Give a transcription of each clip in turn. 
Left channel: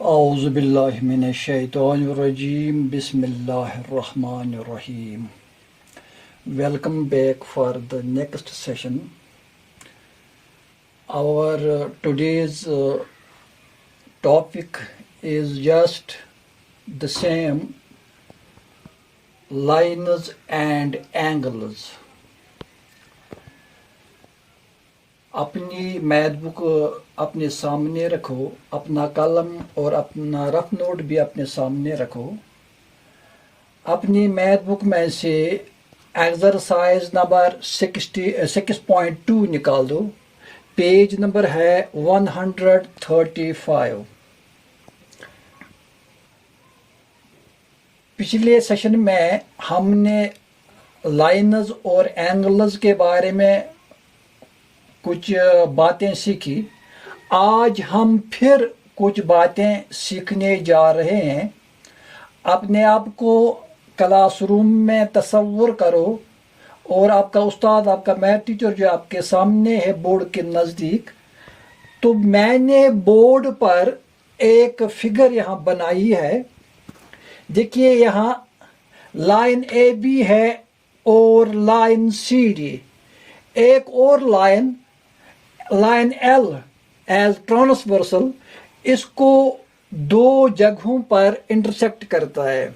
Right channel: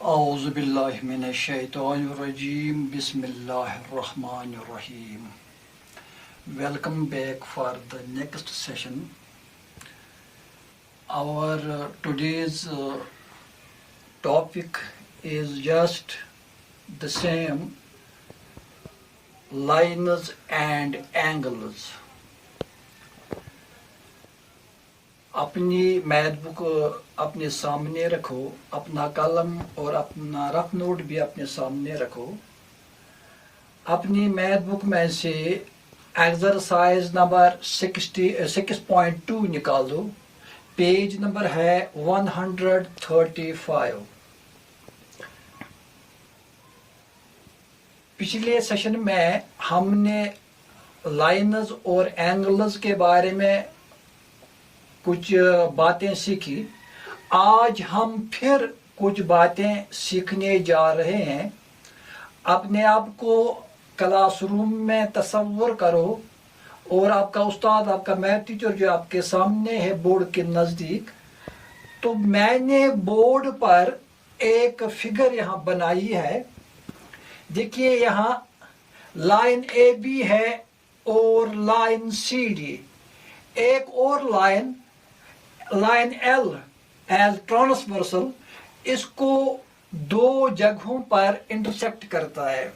اعوذ باللہ من الشیطان الرجیم بسم اللہ الرحمن الرحیم. Welcome back for the next session. Our today's topic is just the same, lines and angles. اپنی میتھ بک اپنے سامنے رکھو، اپنا قلم اور اپنا رف نوٹ بھی اپنے سامنے رکھو. اپنی میتھ بک میں سے ایکسرسائز نمبر 6.2 نکال دو. پیج نمبر ہے 135. پچھلے سیشن میں ہم نے لائنز اور اینگلز کے بارے میں کچھ باتیں سیکھی. آج ہم پھر کچھ باتیں سیکھنے جا رہے ہیں. اپنے آپ کو کلاس روم میں تصور کرو اور آپ کا استاد، آپ کا میتھ ٹیچر جو آپ کے سامنے ہے بورڈ کے نزدیک. تو میں نے بورڈ پر ایک فگر یہاں بنائی ہے. دیکھیے یہاں لائن اے بی ہے اور لائن سی ڈی. ایک اور لائن ایل ایز ٹرانسورسل اس کو دو جگہوں پر انٹرسیکٹ کرتا ہے.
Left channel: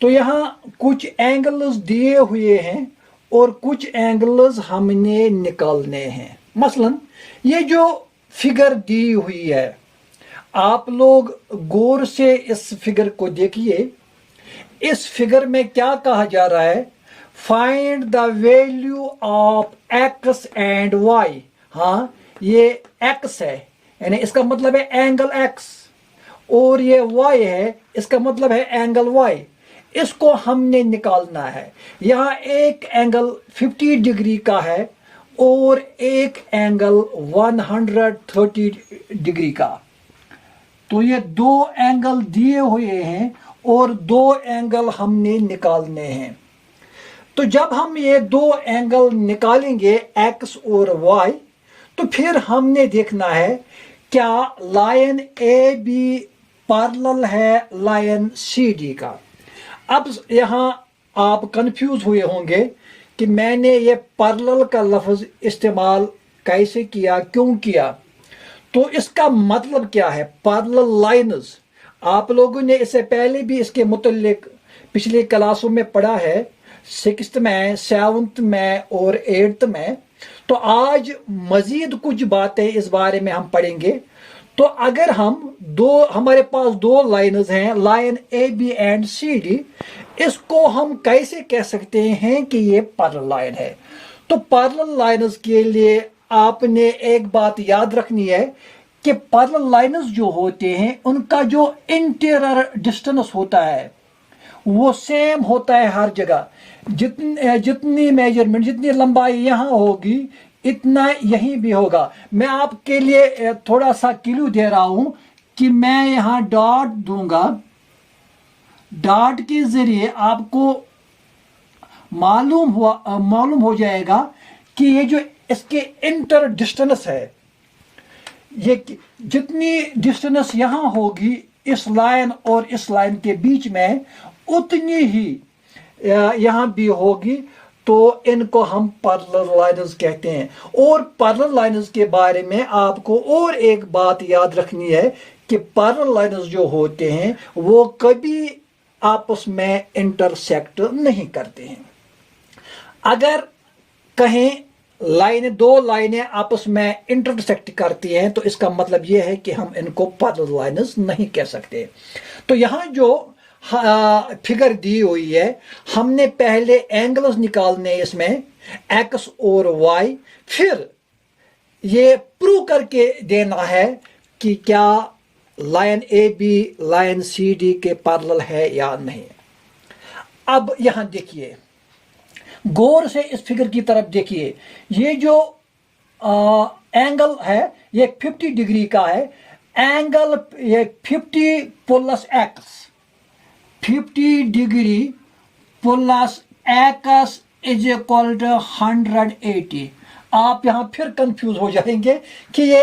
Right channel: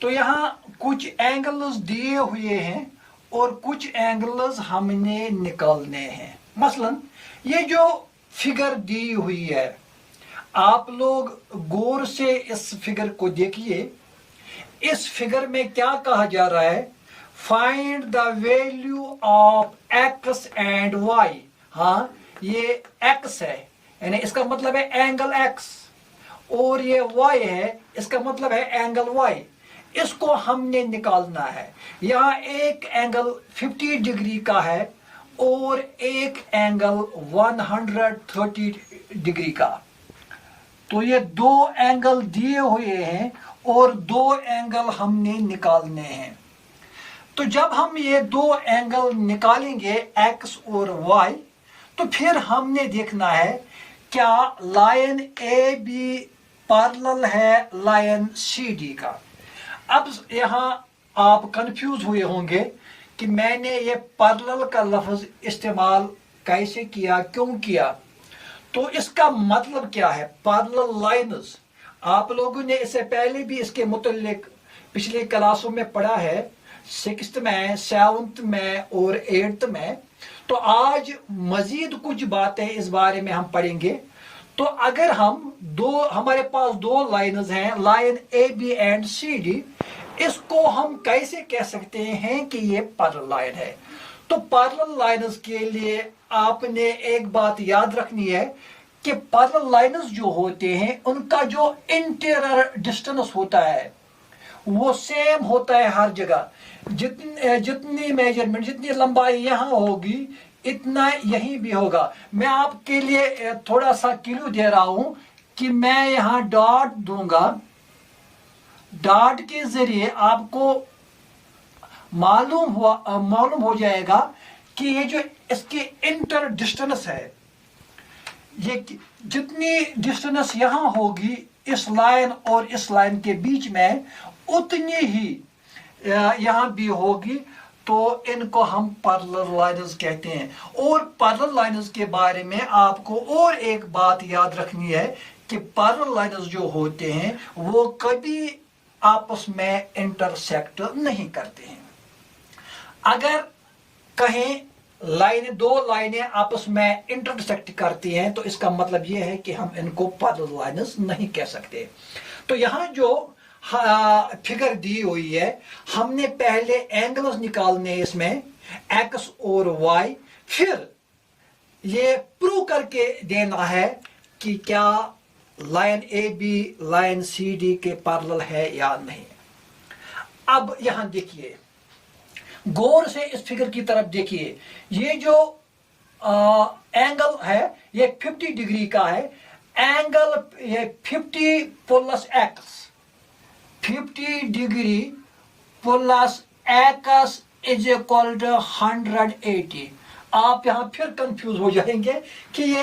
تو یہاں کچھ اینگلز دیے ہوئے ہیں اور کچھ اینگلز ہم نے نکالنے ہیں. مثلا یہ جو فگر دی ہوئی ہے، آپ لوگ غور سے اس فگر کو دیکھیے. اس فگر میں کیا کہا جا رہا ہے؟ Find the value of X and Y. ہاں، یہ ایکس ہے یعنی اس کا مطلب ہے اینگل ایکس، اور یہ وائی ہے اس کا مطلب ہے اینگل وائی. اس کو ہم نے نکالنا ہے. یہاں ایک اینگل 50 ڈگری کا ہے اور ایک اینگل 130 ڈگری کا. تو یہ دو اینگل دیے ہوئے ہیں اور دو اینگل ہم نے نکالنے ہیں. تو جب ہم یہ دو اینگل نکالیں گے ایکس اور وائی، تو پھر ہم نے دیکھنا ہے کیا لائن اے بی پیرلل ہے لائن سی ڈی کا. اب یہاں آپ کنفیوز ہوئے ہوں گے کہ میں نے یہ پیرلل کا لفظ استعمال کیسے کیا، کیوں کیا. تو اس کا مطلب کیا ہے؟ پیرلل لائنز آپ لوگوں نے اس سے پہلے بھی اس کے متعلق پچھلی کلاسوں میں پڑھا ہے، 6th میں، 7th میں اور 8th میں. تو آج مزید کچھ باتیں اس بارے میں ہم پڑھیں گے. تو اگر ہمارے پاس دو لائنز ہیں، line A B and C D, اس کو ہم کیسے کہہ سکتے ہیں کہ یہ پیرلل لائن ہے؟ تو پیرلل لائنز کے لیے آپ نے ایک بات یاد رکھنی ہے کہ پیرلل لائنز جو ہوتے ہیں ان کا جو انٹیریئر ڈسٹینس ہوتا ہے وہ سیم ہوتا ہے ہر جگہ. جتنی میجرمنٹ، جتنی لمبائی یہاں ہوگی اتنا یہیں بھی ہوگا. میں آپ کے لیے تھوڑا سا کلو دے رہا ہوں کہ میں یہاں ڈاٹ دوں گا. ڈاٹ کے ذریعے آپ کو معلوم ہو جائے گا کہ یہ جو اس کے انٹر ڈسٹینس ہے، یہ جتنی ڈسٹینس یہاں ہوگی اس لائن اور اس لائن کے بیچ میں اتنی ہی یہاں بھی ہوگی. تو ان کو ہم پیرلل لائنز کہتے ہیں. اور پیرلل لائنز کے بارے میں آپ کو اور ایک بات یاد رکھنی ہے کہ پیرلل لائنز جو ہوتے ہیں وہ کبھی آپس میں انٹرسیکٹ نہیں کرتے ہیں. اگر کہیں دو لائنیں آپس میں انٹرسیکٹ کرتی ہیں تو اس کا مطلب یہ ہے کہ ہم ان کو پیرلل لائنز نہیں کہہ سکتے. تو یہاں جو فگر دی ہوئی ہے، ہم نے پہلے اینگلز نکالنے اس میں ایکس اور وائی، پھر یہ پروو کر کے دینا ہے کہ کیا line A B line C D کے پیرلل ہے یا نہیں. اب یہاں دیکھیے، غور سے اس فگر کی طرف دیکھیے. یہ جو اینگل ہے یہ 50 ڈگری کا ہے. اینگل یہ 50 plus X, 50 degree plus X is equal to 180. آپ یہاں پھر کنفیوز ہو جائیں گے کہ یہ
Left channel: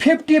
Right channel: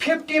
50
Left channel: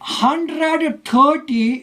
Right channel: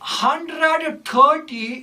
130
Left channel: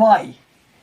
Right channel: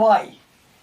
y।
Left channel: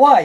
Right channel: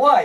y।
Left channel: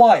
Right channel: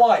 y,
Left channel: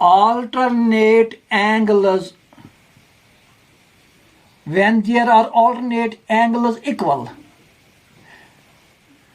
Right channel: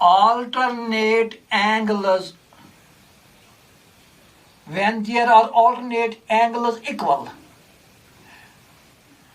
alternate angles, when there are alternate angles equal,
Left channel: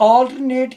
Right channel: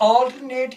alternate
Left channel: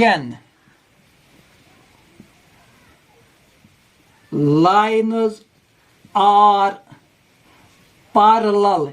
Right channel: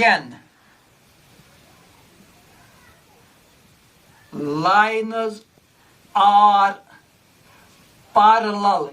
then lines are parallel,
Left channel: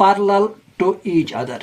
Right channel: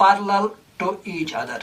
parallel to each other।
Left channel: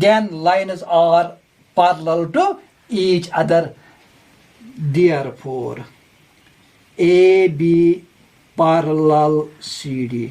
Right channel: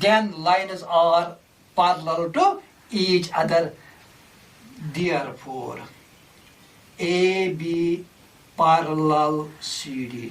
then lines are parallel to each other, therefore AB parallel CD।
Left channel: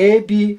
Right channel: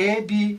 AB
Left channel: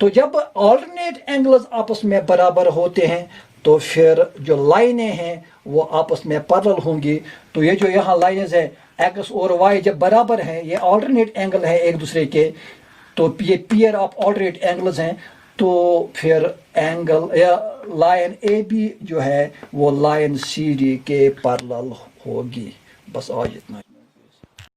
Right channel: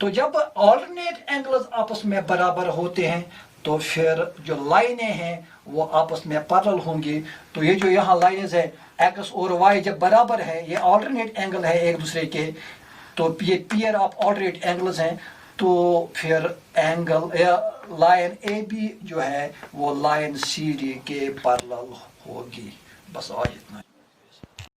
تو جب alternate angles آپس میں برابر ہوتے ہیں تو پھر جو لائنیں ہیں وہ آپس میں پیرلل ہوں گی. تو یہ جو یہاں لائنز ہے ایکس اور وائی جب برابر ہیں، یہ آلٹرنیٹ اینگل ہے ایک دوسرے کے، تو یہ پیئر آف آلٹرنیٹ اینگلز ہیں، تو پھر اینگل یا لائن اے بی جو ہے وہ لائن سی ڈی کے پیرلل ہوگی. بس آج اتنا.